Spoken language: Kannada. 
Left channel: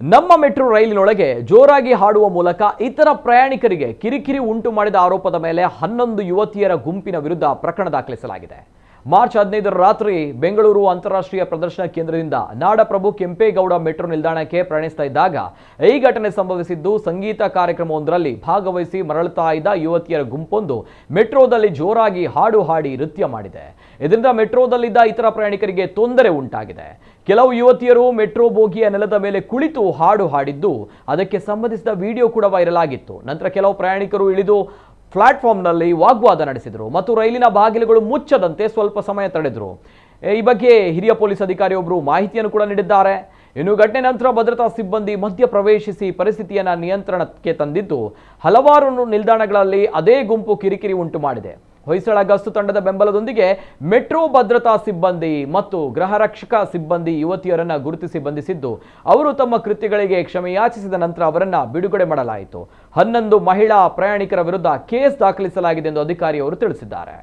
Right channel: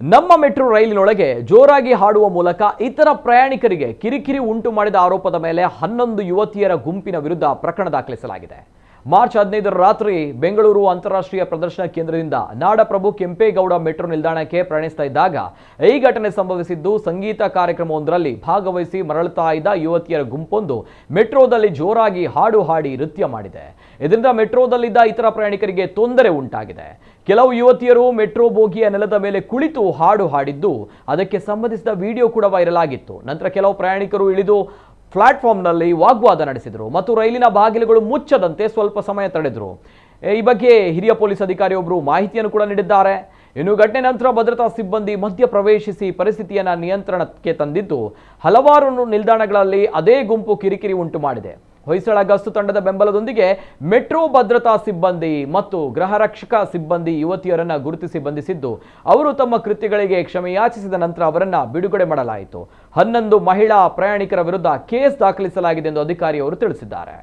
ನಮ್ಮ ಮೆಟ್ರೋ ರೈಲಿನೊಳಗೆ ಜೋರಾಗಿ ಹಾಡುವ ಮೂಲಕ ಇತರ ಪ್ರಯಾಣಿಕರಿಗೆ ಕಿರಿಕಿರಿ ಉಂಟು ಮಾಡಿದ ಆರೋಪದ ಮೇಲೆ 11 ಯುವತಿಯರ ಗುಂಪಿನ ವಿರುದ್ಧ ಪ್ರಕರಣ ದಾಖಲಿಸಲಾಗಿದೆ. ಮಾರ್ಚ್ 15ರ ರಾತ್ರಿ ಬೆಂಗಳೂರು ಅಂತಾರಾಷ್ಟ್ರೀಯ ಪ್ರದರ್ಶನ ಕೇಂದ್ರದಿಂದ ನಾಡಪ್ರಭು ಕೆಂಪೇಗೌಡ ಮೆಟ್ರೋ ನಿಲ್ದಾಣಕ್ಕೆ ಪ್ರಯಾಣಿಸ್ತಾ ಇದ್ದಾಗ ಈ ಘಟನೆ ಸಂಭವಿಸಿದ್ದು. ಸಂಗೀತ ಕಾರ್ಯಕ್ರಮವೊಂದರಲ್ಲಿ ಭಾಗವಹಿಸಿ ಮರಳುತ್ತಾ ಇದ್ದ ಯುವತಿಯರ ಗುಂಪೊಂದು ಮೆಟ್ರೋದಲ್ಲಿ ಜೋರಾಗಿ ಹಾಡು ಹಾಡಿ ನೃತ್ಯ ಮಾಡಿದೆ. ಇದರಿಂದ ಮೆಟ್ರೋದಲ್ಲಿದ್ದ ಇತರ ಪ್ರಯಾಣಿಕರಿಗೆ ತೊಂದರೆ ಉಂಟಾಗಿದೆ. ಕೆಲವು ಯುವತಿಯರು ಮೆಟ್ರೋ ಬೋಗಿಯ ನೆಲದ ಮೇಲೆ ಕುಳಿತು ಹಾಡು ಹಾಡಿದ್ದು, ಅದಕ್ಕೆ ಸಂಬಂಧಿಸಿದ ವಿಡಿಯೋ ಕೂಡ ವೈರಲ್ ಆಗಿತ್ತು. ನಂತರ ಕೆಲವು ಪ್ರಯಾಣಿಕರು ಇಳಿದು ಪ್ಲಾಟ್ಫಾರ್ಮ್ನಲ್ಲಿ ವಾಗ್ವಾದ ನಡೆಸಿದರು ಮತ್ತು ರೈಲಿನ ಬಾಗಿಲುಗಳು ಮುಚ್ಚದಂತೆ ಸ್ವಲ್ಪ ಸಮಯ ತಡೆದರು. ಈ ಬಗ್ಗೆ ಹಿರಿಯ ಪೊಲೀಸ್ ಅಧಿಕಾರಿಯೊಬ್ಬರು ಮಾಹಿತಿಯನ್ನು ಕೂಡ ನೀಡಿದ್ದಾರೆ. ಇನ್ನು ಘಟನೆ ನಂತರ ಭದ್ರತಾ ಸಿಬ್ಬಂದಿ ಮಧ್ಯ ಪ್ರವೇಶಿಸಿ ಪರಿಸ್ಥಿತಿಯನ್ನು ನಿಯಂತ್ರಣಕ್ಕೆ ತಂದಿದ್ದು, ಹಲವಾರು ನಿಲ್ದಾಣಗಳಲ್ಲಿ ಅದೇ ಗುಂಪು ಕಿರಿಕಿರಿ ಉಂಟು ಮಾಡಿದೆ. ಹೊಯ್ಸಳ ಗಸ್ತು ತಂಡದ ಬೆಂಬಲದೊಂದಿಗೆ ಮೆಟ್ರೋ ಭದ್ರತಾ ಸಿಬ್ಬಂದಿ ಮತ್ತು ಗೃಹರಕ್ಷಕ ಸಿಬ್ಬಂದಿ ಯುವತಿಯರನ್ನು ಗುರುತಿಸಿ ಬಂಧಿಸಿದ್ದು, ಅವರು ತಮ್ಮ ಕೃತ್ಯಗಳಿಗೆ ಕ್ಷಮೆಯಾಚಿಸಿದ ನಂತರ ಅವರನ್ನು ಬಿಡುಗಡೆ ಮಾಡಲಾಯಿತು. 11 ಮಹಿಳಾ ಪ್ರಯಾಣಿಕರ ವಿರುದ್ಧ ಕೇಸ್ ದಾಖಲಿಸಲಾಗಿದೆ ಎಂದು ಅಧಿಕಾರಿಯವರು ತಿಳಿಸಿದ್ದಾರೆ.